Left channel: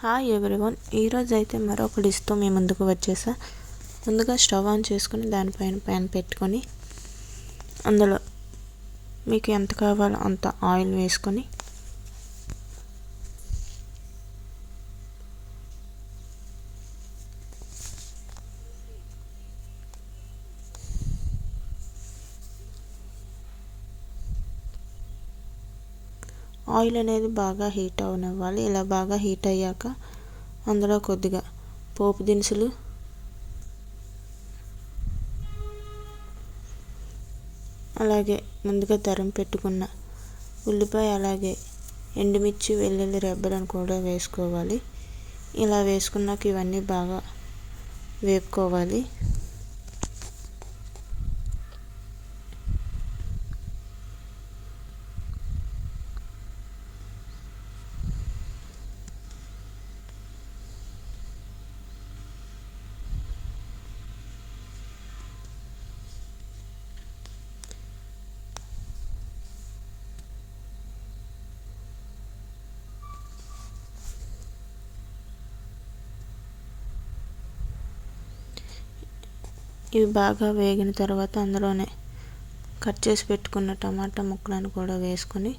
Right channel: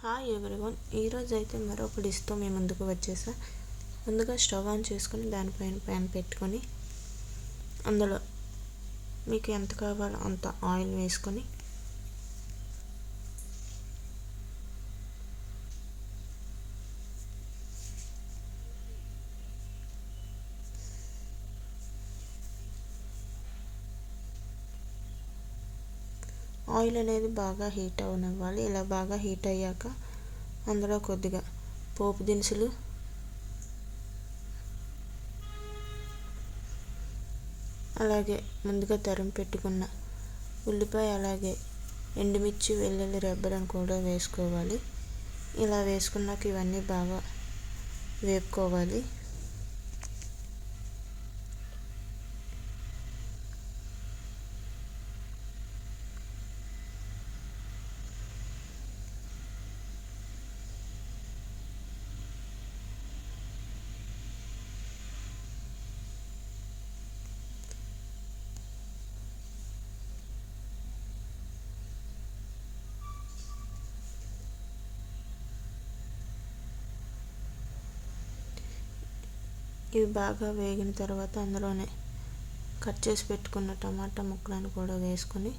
Hi everyone, ఈరోజు అయితే మరొక డిష్తో మేము ముందుకు వచ్చేసా. ముందుగా స్టవ్ ఆన్ చేసుకొని దానిపైన ప్యాన్ పెట్టుకొని అందులో మీకు ఎంత కావాలో అంత ఆయిల్ వేసుకొని ఆయిల్ అనేది బాగా హీట్ అవనివ్వాలి. ఇలా బాగా హీట్ అయ్యాక అందులో కొద్దిగా పోపు దినుసులు, అలాగే ముందుగా తరిగి పెట్టుకున్న ఉల్లిపాయ, అలాగే ఎండుమిర్చి, వెల్లుల్లి రెబ్బలను కూడా వేసుకోవాలి. ఇలా వేసుకున్నాక ఇవన్నీ బాగా వేపుకోవాలి. ఇవి బాగా వేగిన తర్వాత అందులోనే కట్ చేసి పెట్టుకున్న టమాటా ముక్కలను కూడా వేసుకొని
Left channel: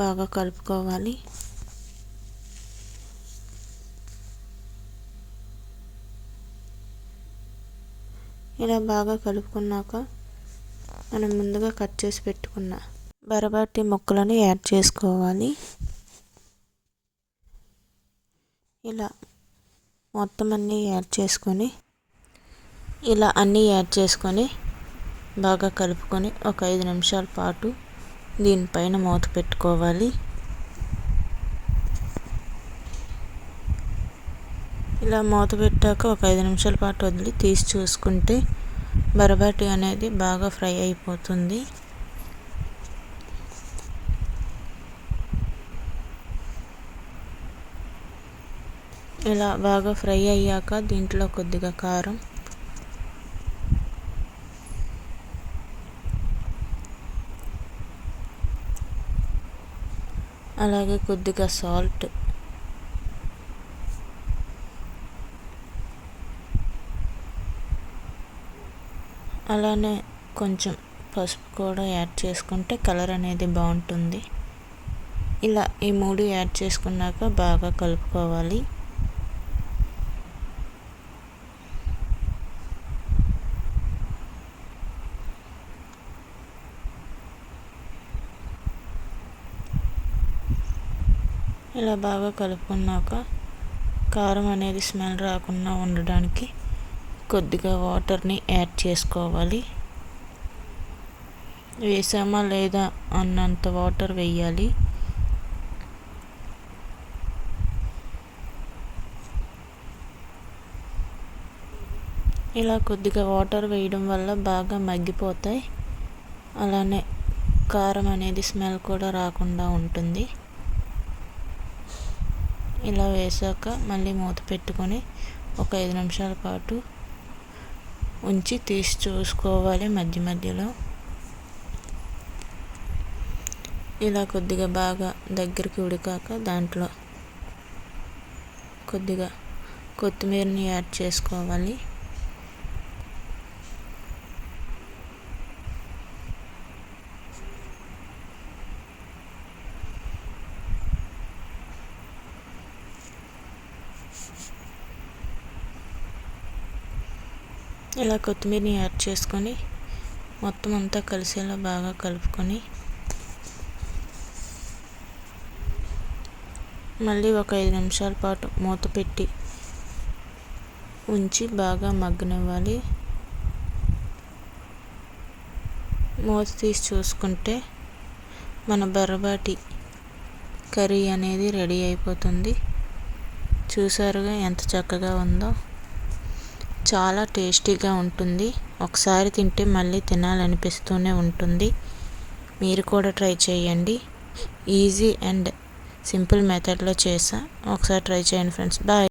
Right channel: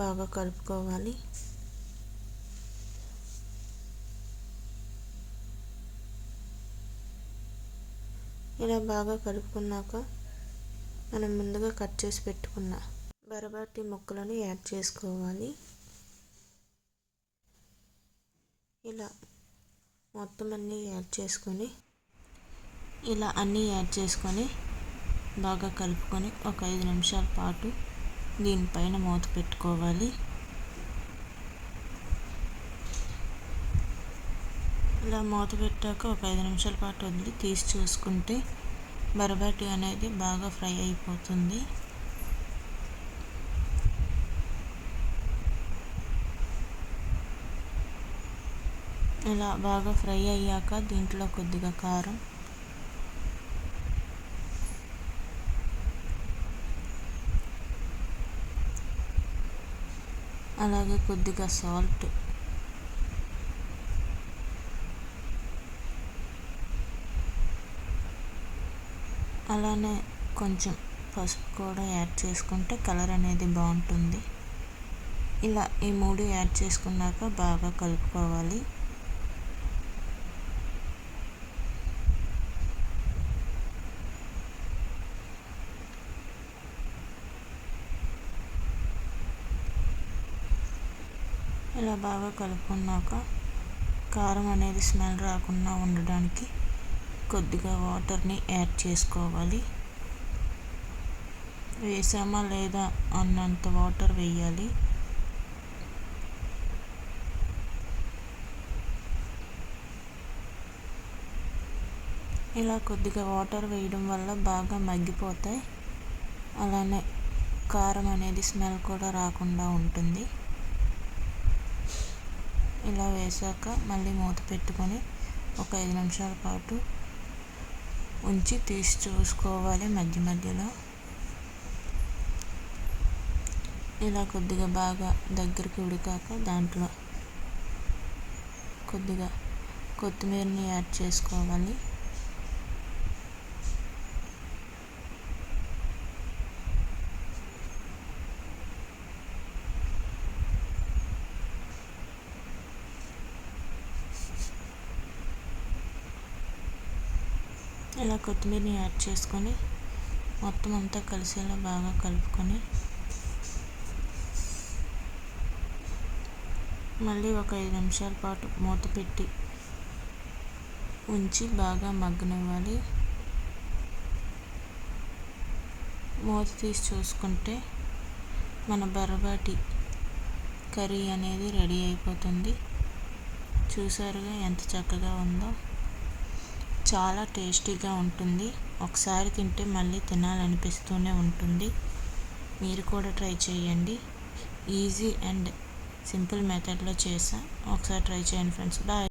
బాగా కలుపుకోవాలి. ఇలా బాగా కలుపుకున్నాక మనం ముందుగా కట్ చేసి పెట్టుకున్న బరబాటి ముక్కలను యాడ్ చేసుకోవాలి. ఇలా మొత్తం అన్నీ యాడ్ చేసుకొని బాగా కలుపుకొని ఒక 5 నిమిషాల పాటు దీనిపైన మూత పెట్టుకోవాలి. ఇలా మూత పెట్టాక ఒక 5 నిమిషాల పాటు వదిలి తీసి చూసుకుంటే బరబాటి అనేది బాగా ఫ్రై అయిపోతుంది. ఇలా బాగా ఫ్రై అయ్యాక దీంట్లో కొద్దిగా కారం, అలాగే కొద్దిగా సాల్ట్, అలానే కొంచెం పసుపు కూడా యాడ్ చేసుకుంటే కలర్ అనేది బాగుంటుంది. ఇలా ఈ 3 యాడ్ చేసుకున్నాక బాగా కలుపుకోవాలి. ఇలా బాగా కలుపుకున్నాక కారం అనేది స్మెల్ రాకుండా ఉండడానికి కొద్దిగా వాటర్ని యాడ్ చేసుకోవాలి. వేసామా లేదా అన్నంత వాటర్ వేయాలి. ఇలా కొద్దిగా వాటర్ వేయడం వల్ల బాగా మగ్గిపోతాయి. అలానే కారం అనేది స్మెల్ కూడా రాకుండా ఉంటుంది. ఇలా వేసాక మళ్ళీ మూత పెట్టుకొని ఒక 5 నిమిషాల పాటు ఉంచి తీసి చూసుకోవాలి మధ్య మధ్యలో. ఇలా కొద్దిగా బాగా దగ్గరికి ఉడికాక దాంట్లో కొద్దిగా కొత్తిమీరని యాడ్ చేసుకోవాలి. ఇలా కొత్తిమీరని యాడ్ చేసుకొని మొత్తం అంతా కలిసేలా బాగా కలుపుకొని మళ్ళీ ఒక 5 నిమిషాల పాటు మూత పెట్టి ఉంచి బాగా మగ్గనివ్వాలి. మూత తీసి చూసుకుంటే మన బరబాటి కర్రీ అనేది రెడీ అయిపోతుంది. చూసారుగా ఎంత చక్కగా ఉందో. చాలా టేస్టీగా ఉంటుంది. ఒకసారి తింటే మళ్ళీ తినాలనిపిస్తూనే ఉంటుంది. మీరు కూడా ట్రై చేయండి. ఈజీ అండ్ సింపుల్ మెథడ్లో చేసా. ఒకసారి ట్రై చేయండి ఫ్రెండ్స్. బాయ్.